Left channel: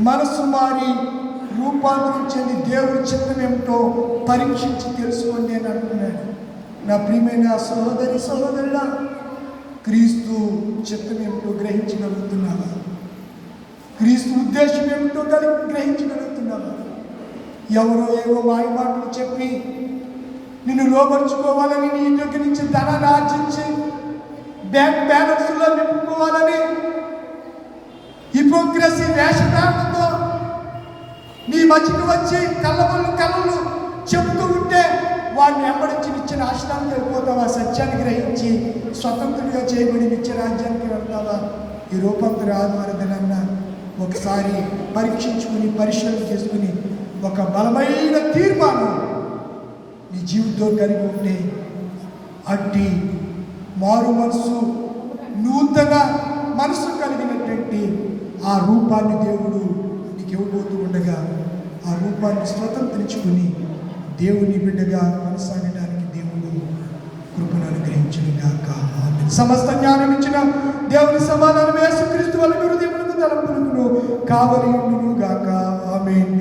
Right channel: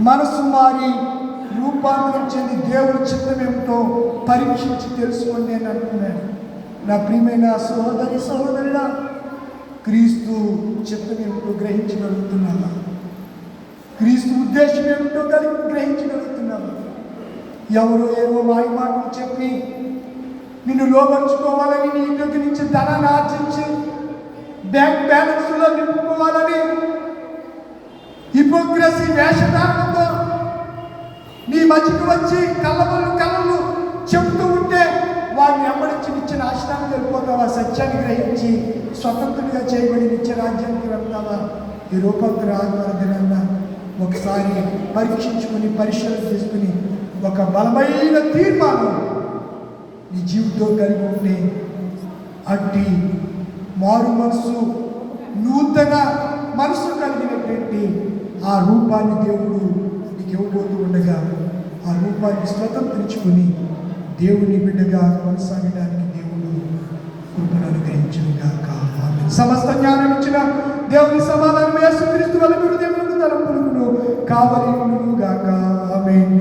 మనసు మారి రూపాంతరం చెంది దేవుడి చిత్తం ఏమిటో పరీక్షించి తెలుసుకోండి అని అంటున్నాడు. నా ప్రియమైన సహోదరి సహోదరుడా, క్రీస్తు చిత్తం ఏమిటో గ్రహించగలుగుతున్నావా? క్రీస్తు ఉద్దేశం ఏమిటో గ్రహించగలుగుతున్నావా? ఎవరో ఏవో మాయ మాటలు చెప్పి నిన్ను లోపరుచుకోవాలని, నీ దగ్గర నుంచి ధనాన్ని ఆర్జించి బ్యాంక్ బ్యాలెన్స్లో నింపుకోవాలని హిపోక్రసీ వేషధారణతో నీ మధ్యకు వచ్చి కళ్ళలు చెబుతూ ఉంటే వాడిని వెంబడించి నిత్య నాశనానికి వెళ్ళిపోతావా? సత్యాన్ని గ్రహించి స్వతంత్రంగా చేయబడి నిత్య రాజ్యానికి వెళ్తావా? ఈ రూపాంతర ఆత్మర్థనన్నా ఒకసారి పరీక్షించుకుని పరిశీలన చేసుకుని ఒక బలమైన తీర్మానం నీ జీవితంలో కలిగి ఉంటే అట్టి మారు మనసు, నూతన మనసు కలిగినటువంటి ఆ రూపాన్ని దేవుడు నీకు ఇవ్వబోతూ ఉండగా ఆ రూపాన్ని స్వతంత్రించుకుని దేవుని బిడ్డగా కొనసాగడానికి దేవుడు కృపను అనుగ్రహించును గాక. ఆమేన్. సమస్త జ్ఞానం ఇచ్చిన దేవుని సమాధానం యేసుక్రీస్తు వల్ల హృదయములకు తలంపులను కావలియును గాక. ఆమేన్.